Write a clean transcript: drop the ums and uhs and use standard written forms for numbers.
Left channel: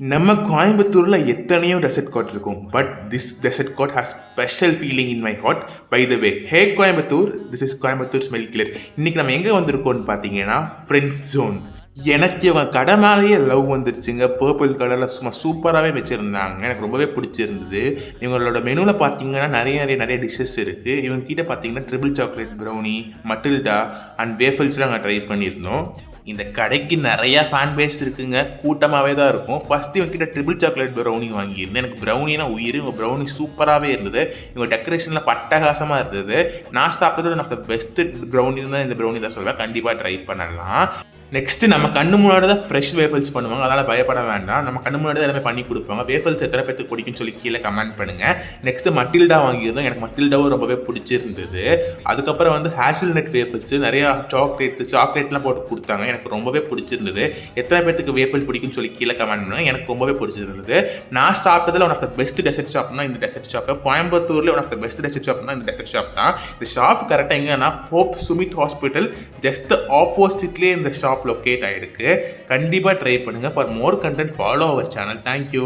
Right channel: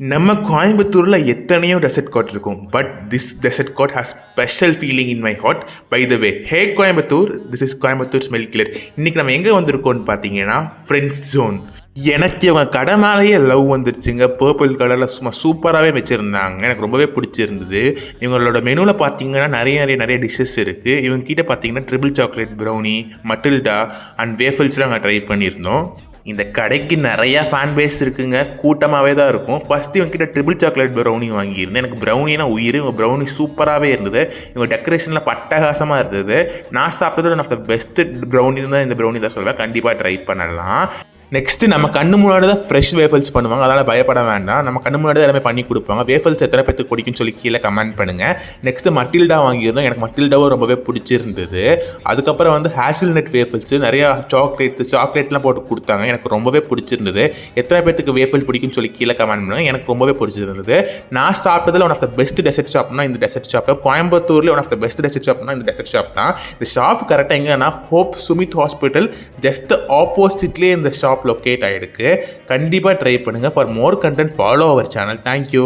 நம்ம கோயம்புத்தூரில் எத்தனையோ டெசர்ட் கோட் இருக்கும், but this dessert court has special feeling in my heart. By the way, hey Coimbatore, this is Coimbatore smell clear. இன்றைக்கி நம்ம எங்கே வந்திருக்கோம்னு பார்த்தீங்கன்னா ஃப்ரெண்ட்ஸ் ஜோன். எனக்கு இவன் கடை மேலேயே லவ் வந்துருச்சுங்க. பர்பிள் கலரில் சும்மா சூப்பராகவே வச்சுருந்தாங்க. எனக்கு ரொம்பவே பிடிச்சிருந்தது. இவங்களோட மெனுவில் பார்த்தீங்கன்னா நிறைய டிஷ்ஷஸ் இருக்குது. இவங்க கிட்டே பார்த்தீங்கன்னா triple chocolate brownie, Matilda and வேஃபல்ஸ்லாம் நாங்கள் ட்ரை பண்ணியிருந்தோம். இந்த கடைக்கு நிறையா ஃபேன் பேஸ் இருக்குங்க, கூட்டமாகவே தான் இருக்கும். ஃபஸ்ட்டு இவங்ககிட்ட ட்ரிபிள் சாக்லேட் ப்ரௌனி வாங்கியிருந்தேன். எனக்கு ப்ரௌனினா உயிர். இவங்க ப்ரௌனி சூப்பராகவே இருந்தது. இவங்க டெக்கரேஷனில் பட்டகாசமாக இருந்தது. நான் சாப்பிட்டது ஒன் ஆஃப் த பெஸ்ட்டு ப்ரௌனின்னு தான் இந்த ப்ரௌனி தான் சொல்லுவேன். கண்டிப்பாக ட்ரை பண்ணலாம். நெக்ஸ்ட்டு நம்ம கண்ணு முன்னாடி தான் ஃப்ரெஷ் வேஃபல்ஸ் பண்ணுவாங்க, அதனால் பயப்பட வேண்டாம். நம்ம கண்ணு முன்னாடி எல்லாமே பண்ணி கொடுப்பாங்க. வேஃபல்ஸ் எத்தனை பேருக்கு பிடிக்கும்னு சொல்லி கீழே கமெண்ட் பண்ணுங்கள். நெக்ஸ்ட்டு மட்டில்டா வாங்கியிருந்தோம். எனக்கு மட்டில்டாவும் ரொம்பவே பிடிச்சிருந்தது. அதுக்கப்புறம் வந்து ஹேசில்நட் வேஃபல்ஸு நிறையா சாக்லேட்லாம் போட்டு கொடுத்தாங்க. எனக்கு ரொம்பவே பிடிச்சிருந்தது. எத்தனை பேருக்கு வேஃபல் பிடிக்கும்னு சொல்லி கீழே கமெண்ட் பண்ணுங்கள். எனக்கு ரொம்பவே பிடிச்சிருந்தது. நான் சாப்பிட்டதில் one of the best dessert ஷாப்னா இந்த டெசர்ட் ஷாப் தான். கோயம்புத்தூரில் one of the best dessert ஷாப்னா இந்த டெசர்ட் ஷாப் தான். இந்த ஷாப் கரெக்டாக எங்கன்னா ஹோப் சுமித் ஹாஸ்பிட்டல் ஜஸ்ட் ஆப்போசிட்லேயே இந்த ஷாப் லொக்கேட் ஆகிருக்கு. கண்டிப்பாக ட்ரை பண்ணுங்கள். For more content follow our channel. Thank you.